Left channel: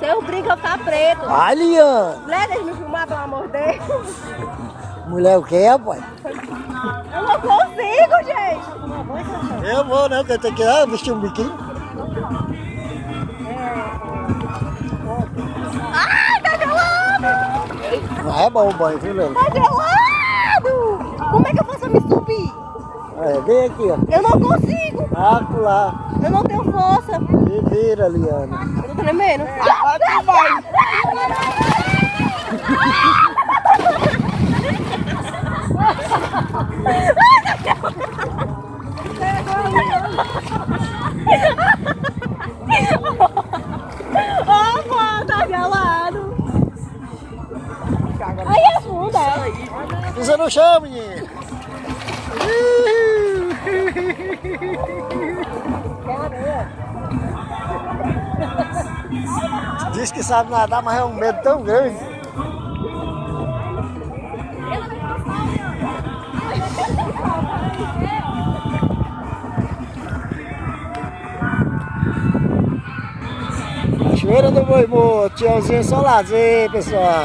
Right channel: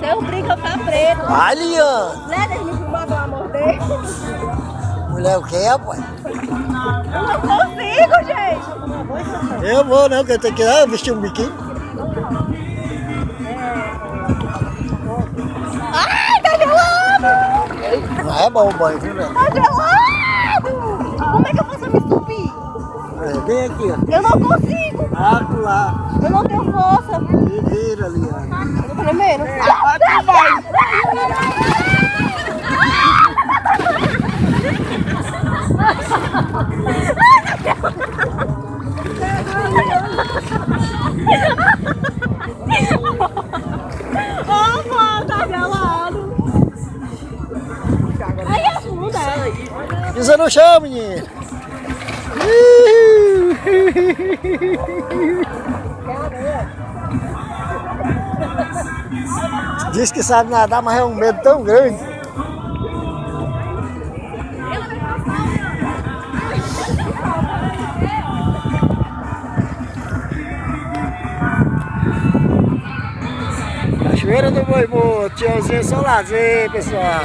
Seu brinco tá preto. Vai, Liane. Leva eles me filmar, pelo amor de Deus. Mulher o quê, rapaz? Eu não consigo, gente. Eu vou, não, que eu tenho que vestir um biquíni. Ai, tá gelado. Não é bom o banho, viu, Liane? Tá gelado. Como é que eu faço me subir? É, vem aqui, ó. Eu não consigo. Lá. Eu não tenho força. E vira, Liane. Eu tô tremendo. Vai. Opa, tá gelado. Aí afunda. Pisa no chão, menino. Diz que sabe nadar, mas é um medo tão grande. Cachoeira do Boi Morto, tchauzinho, só lazer, pessoal.